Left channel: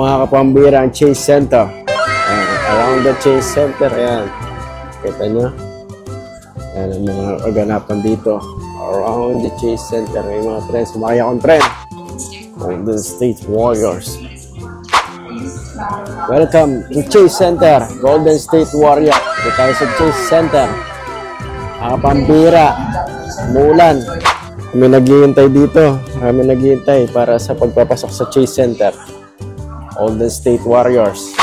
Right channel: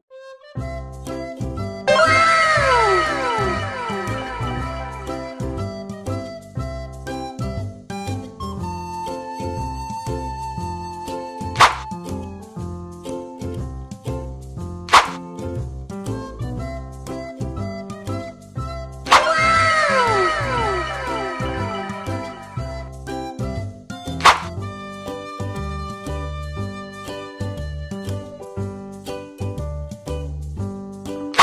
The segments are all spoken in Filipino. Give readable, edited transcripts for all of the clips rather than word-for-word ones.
mga kapambira ang Chase Center. Around the Chase Center, ayan. Kita nyo? Ayan ang mga kaganapan dito. Around the Chase Center. May mga tren. Sumakay akong tren. Golden State Warriors. Welcome to Chase Center. Golden State Warriors. Ito tayo sa Chase Center. Mga pambira. Umuulan. Kami naghihintay dito. Kami naghihintay para sa pagpapasok sa Chase Center. Golden State Warriors.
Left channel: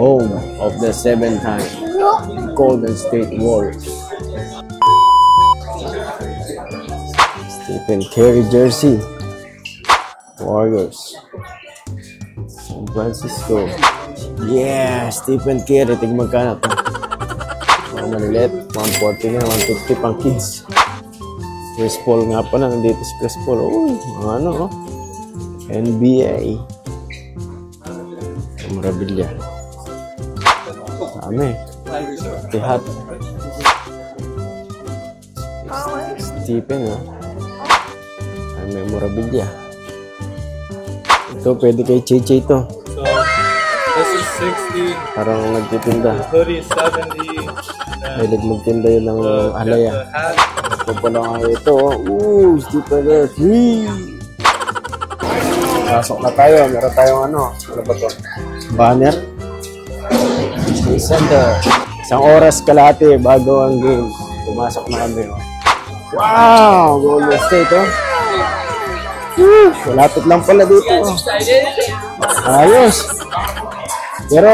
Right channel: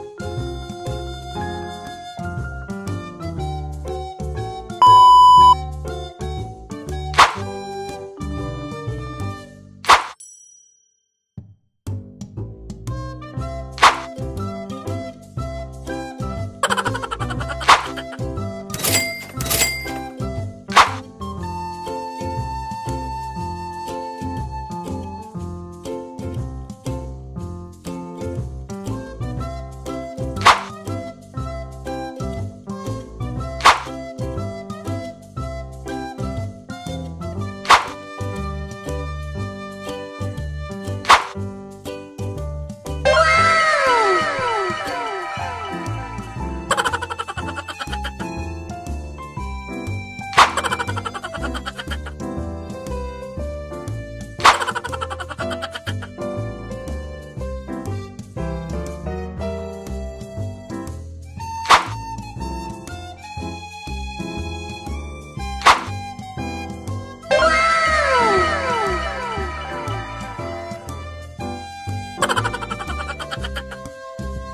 Home of the 7-time Golden State Warriors. Stephen Curry jersey. Warriors. San Francisco. Yeah, Stephen Curry. Tignan magkano ito. Mga maliit. 140 na. 150 pang kids. Chris Paul nga pa na. Nandito si Chris Paul. Uy, ano, oh. NBA. Memorabilia. Dami. Tihat. Stephen, ah. Memorabilia. Ito, pwede kay Chichi ito. Parang nagtitinda. May nagtinda yun ng alaya. Ito pa lang ito. Ooh, Stephen Curry. Pasok na tayo. Meron tayong ano. Ano ba ito? Banner. Chase Center. Isang oras kalahati bago ang game. Pumasok na kami. Wow! Golden State, oh. Malapit lang pala dito. Ayos. Pero,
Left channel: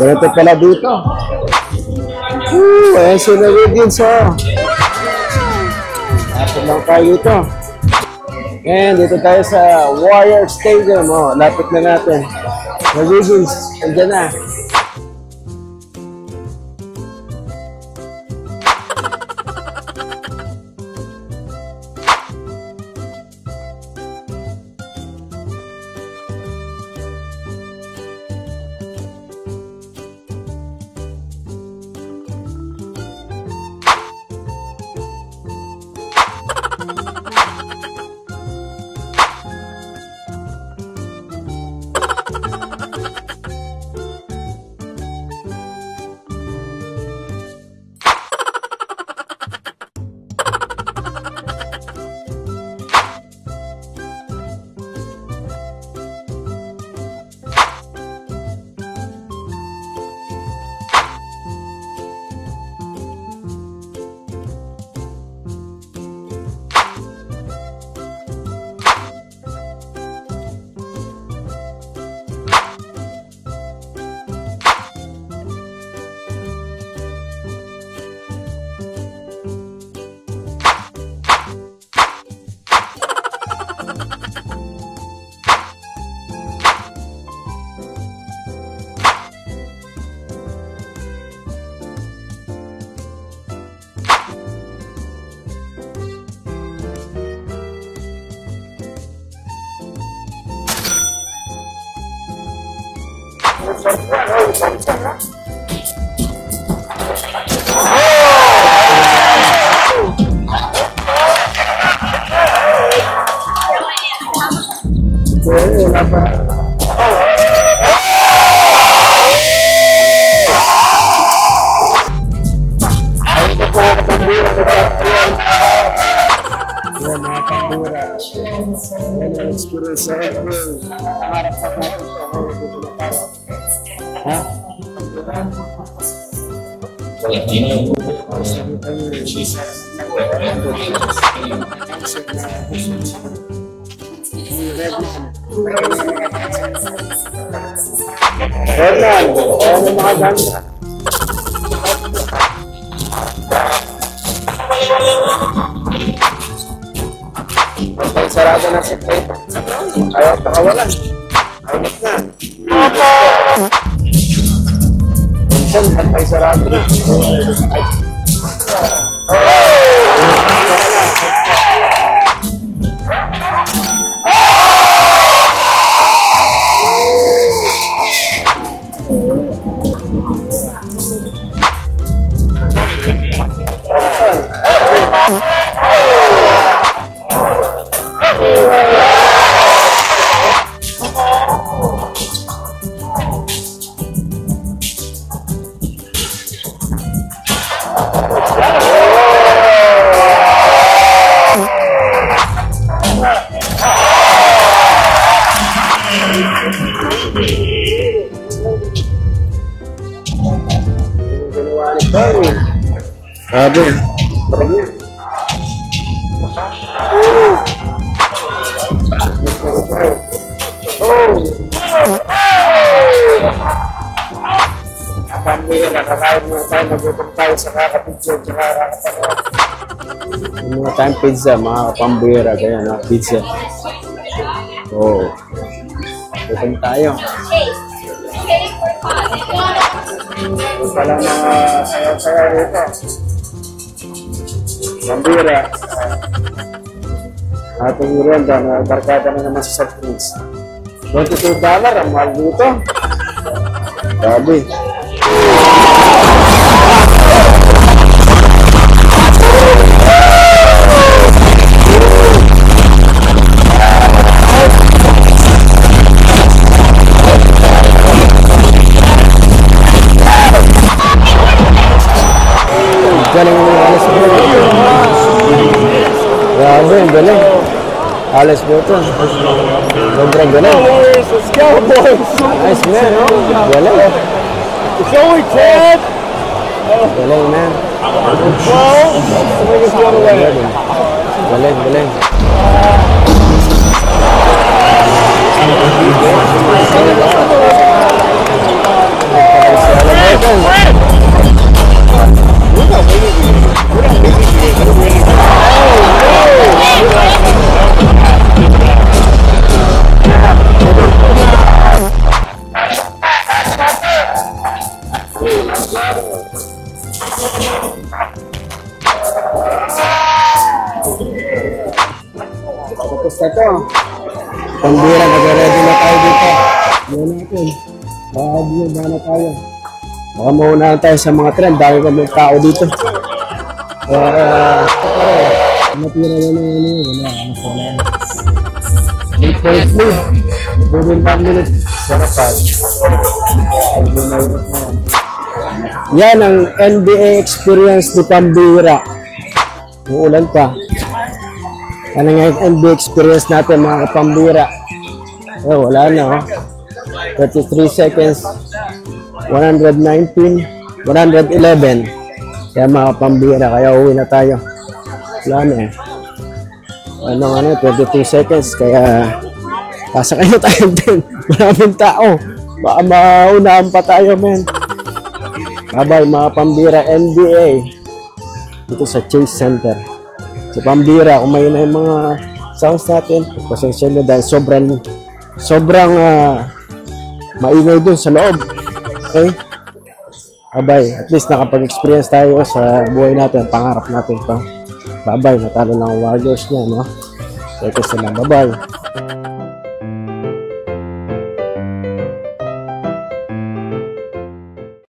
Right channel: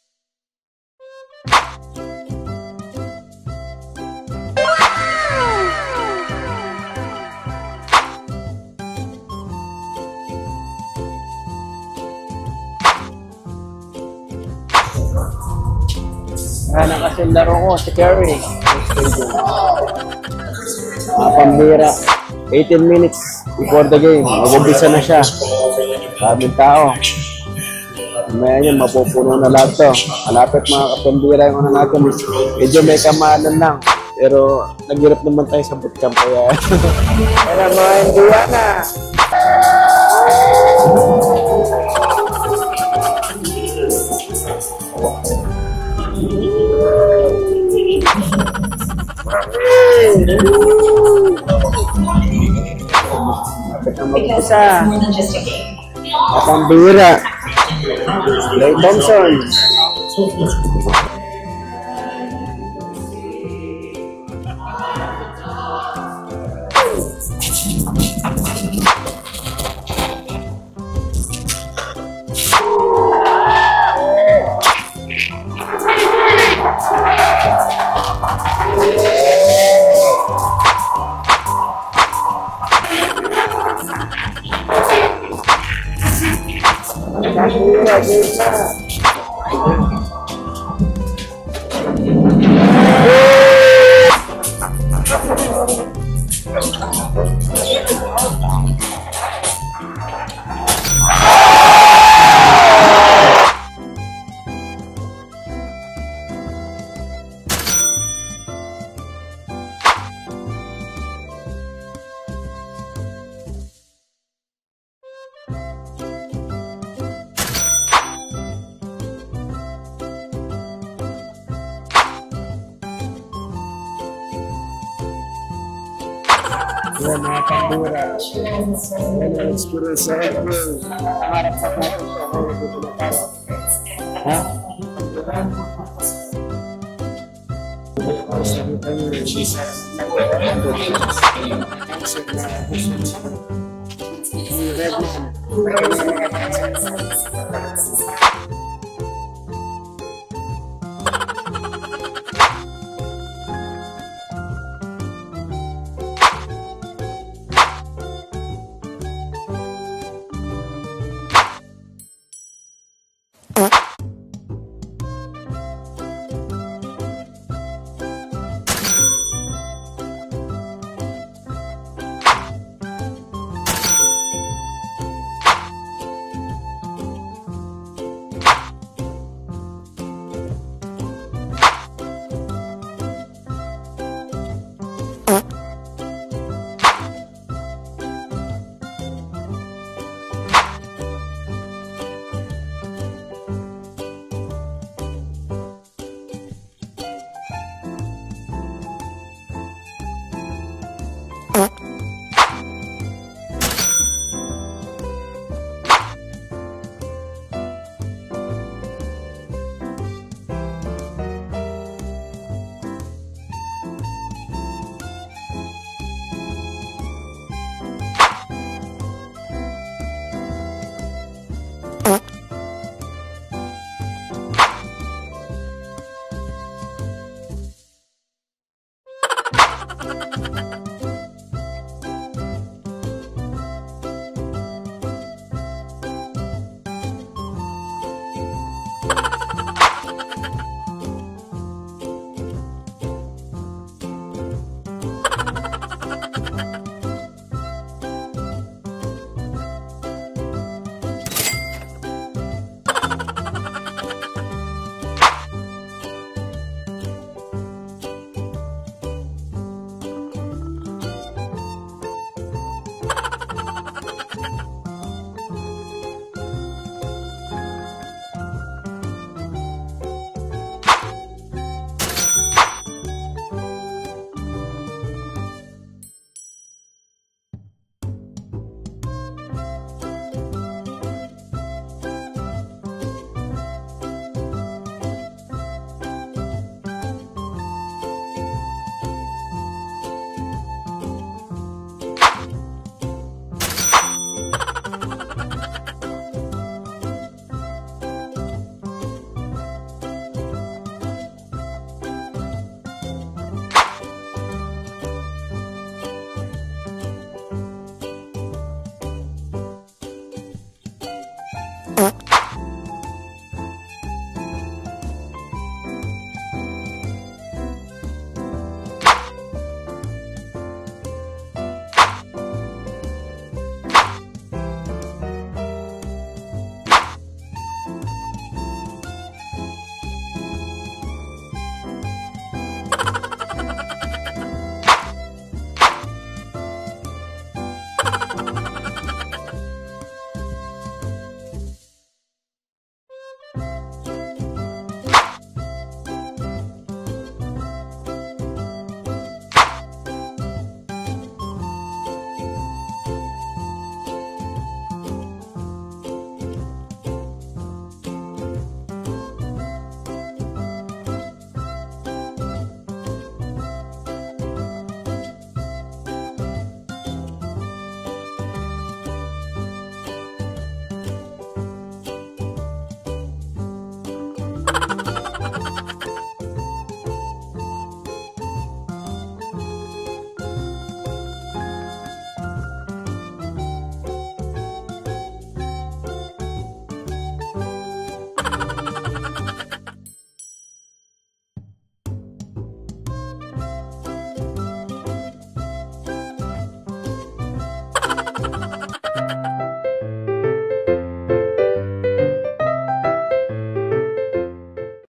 ganito pala dito. Ayan sila Wiggins, oh. Malapit lang tayo dito. And dito tayo sa Warrior Stadium, oh. Lapit na natin. Wiggins, andyan na. Ayan ang kasing laro ko, si Curry. Mga pambira. 18 minutes before the game. Mag-umpisa na siya. Sabing tao. Mamaya yun, mapupuno na lahat to. Malapit mga kapambira yung ano natin. Medyo may kamahalan lang. Pero naghirap naman tayo sa bootcamp. Kaya mga Indiana. Mag-isa. Kapambira. Klay Thompson. Yan mga pambura. Yan ang experience sa akin. Harap sa natin ito. Ha? Hernan, ano mga ganda? Sarado na si Plate. Ayaw pakawalan. Ayot na. Minsan, bantay sarado na. Grabe. Pamilya, nakakain mo tayo, nagutom tayo sa kakapidyo, tsaka kakapanood. Yung mga tayong pizza, mga kapambira, kaya na pizza. Oo. Gutom tayo. Kung pala mga sayaw-sayaw rito. Pambira. Ating merienda na barkada na naman sa soft drinks. $22 ang mahal dito. Grabe. Galing mo yung alas mo. Grabe, ang galing. Alas mo ito. Sobrang galing. Let's go, boys! Nice, man. Galing. It's going, Ted! Galing, man. Let's go the way. Galing, galing. Tapos na to. Pambira, nag-ready na tayo dito. Yan natin. Baka na tayo. Baka maunahan tayo sa mga trend. Dahil kami tao dito. Matira na naman wala. 8.3. Within 1 minute. Sarapan. Yan ang NBA experience ni Pambira. Uulan pa. Ano nga yung NBA experience natin mga kapambira. Wala na 33 seconds. 119. 111. Kaya mga kapambira, kaya uwi na tayo. Wala na Ano 22 seconds. Kaya pasakay na tayo din. Maraming tao. Baka maunahan pa tayo, men. Bye-bye mga pambira NBA. Dito sa Chase Center. Sa Pambira, kung may na yung mga sounds natin, pasensya nyo dahil sobrang maingay dun sa loob. Okay? Bye-bye. At least nakapag-experience tayo sa buhay natin, pangarap natin pa. Bye-bye. Natalo lang ang Warriors niya, no? Teka sila. Bye-bye.